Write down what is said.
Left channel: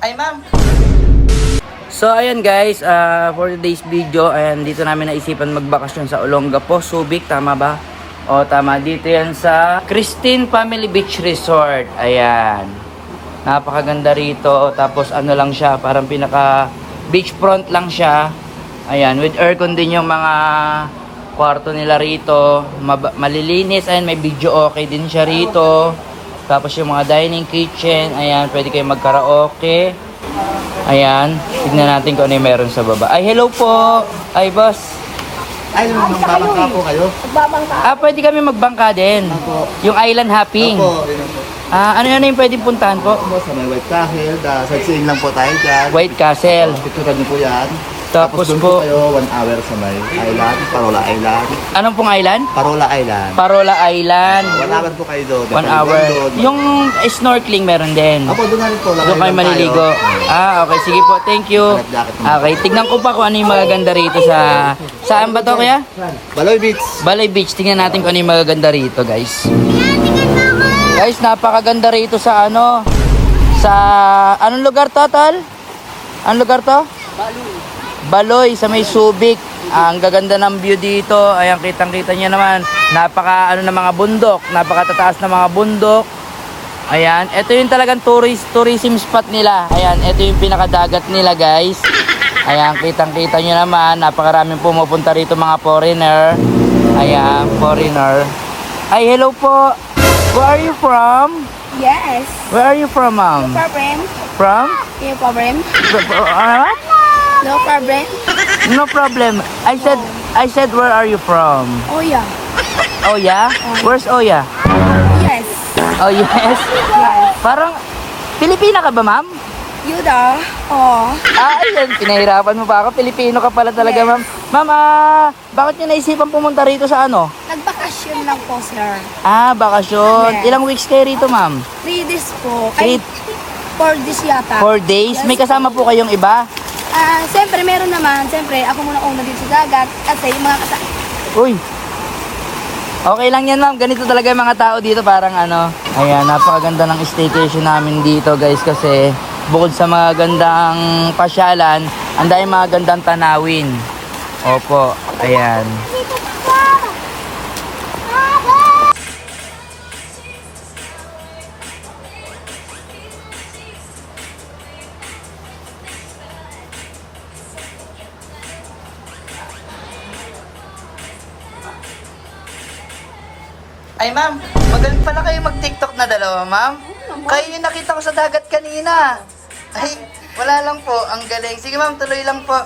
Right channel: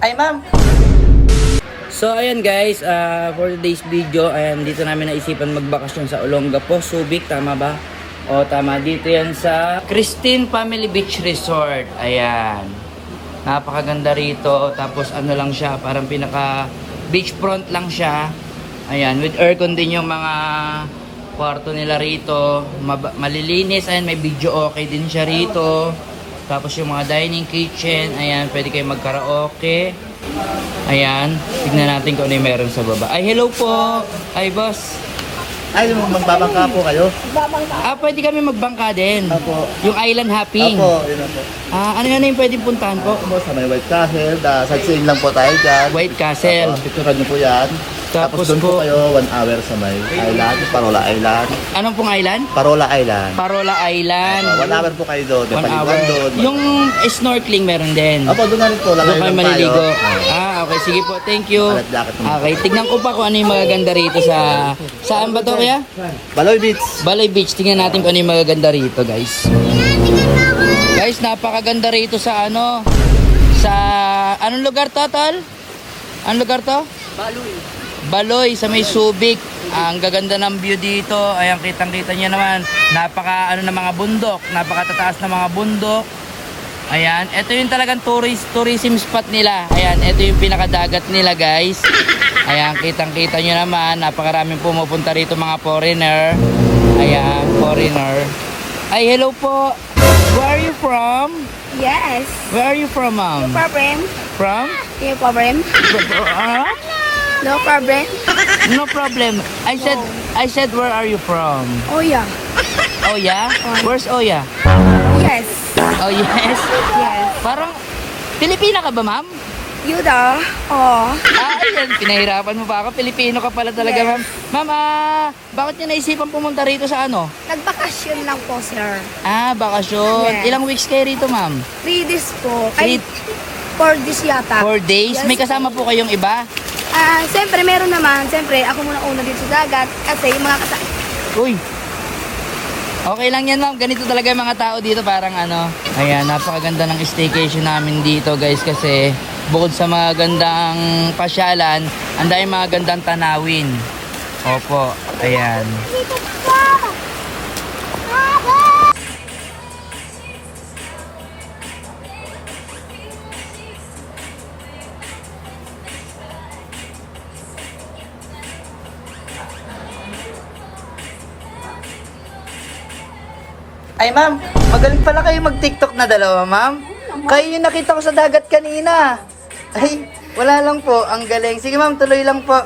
Ay, ma'am. So, ayan guys, for today's video, ayan, dito namin naisipan magbakasyon sa Olongapo, Subic, tama ba? O, tama, dito yan sa Christine Family Beach Resort. Ayan. Napakaganda rito. Tapos, ano lang siya, parang pinaka beachfront lang siya. Ayan, with aircon din yung mga kwarto nila rito. Malilinis, ayan, may video okay din siya rito. Tapos yung mga dining kitchen, ayan, pwede kayo mag-karaoke. Ayan, tignan natin kung ano yung meron sa baba. Ay, hello po! Ay, boss. Ay, magbabangka po kayo? Pwede kami magbangka din. Opo. Yung island hopping. Opo, yun po. Ano yung pwedeng puntahan po? Opo, sa may White Castle, sightseeing lang po tayo dyan. White Castle. Opo, picturean niyo po yan. Tapos doon po, po kayo 1 hour sa may island, Parola Island. anong pong island? Parola Island. Parola Island. 1 hour po kayo doon. 1 hour. Yung snorkeling meron din. Opo, doon na rin po. Doon kayo maliligo. Okay, sige po. Thank you. Life jacket naman. Okay, tignan ko pa kung ano yung magaganda rito sa... Saan ba to, kuya? Baloy Beach. Balay Beach. Tingnan natin kung ano yung magaganda rito, guys. Guys, napakaganda rito sa ano... Sa... Anong lugar to, tol? Anong lugar to? Baloy, sa may Subic. Ang gaganda ng view dito. Ayan, kitang-kita nyo naman. Napaka ano ng mga bundok. Napakatataas na mga bundok. Ayan, ito yung talagang tourism spot nila. Ayan, ito yung pinakadagat nila, guys. Ayan, kitang-kita nyo naman. Napakaraming pumupunta rito mga foreigner. Ayan, foreigner. Ay, hello po. Where are you from? Yes. Where are you from, ma'am? No problem. From? No problem. No problem. No problem. I said, where are you from? Oh yeah. Oya? Where's Oya? Yes. Oh, yes. Yes. Parang, Pilipina ka ba, ma'am? You da. Oh. Ayun, pinahirapan mo pa ako. Pilipino ka pala talaga, Yes. ma'am. Ma'am, bakit niyo naisipan pumunta rito sa ano? Nagbakasyon lang po, sir. Bakasyon. Yes. Ilang weeks kayo rito, ma'am? 3 days po. Ay, 4 days yata. 4 days? Yes May kasama po kayong iba? Siyempre, meron naman. Siyempre, ako muna una dito sa dagat. Kasi yung mga Uy. Okay lang yan, ma'am. Ganito talaga yung mga tao dito. Parang ano. Ayan, napakaganda ng staycation namin dito, guys. Kasi bukod sa mga gandang pasyalan, ang dahil mga gandang tanawin. Opo. Ayan. Ay, ma'am, magaling pala kayo mag-TikTok na dalawa, ma'am. Kayo yung nakita ko sa dagat kanina. Ay, wala lang po. Ang galing. Sige, ma'am, tuloy lang po.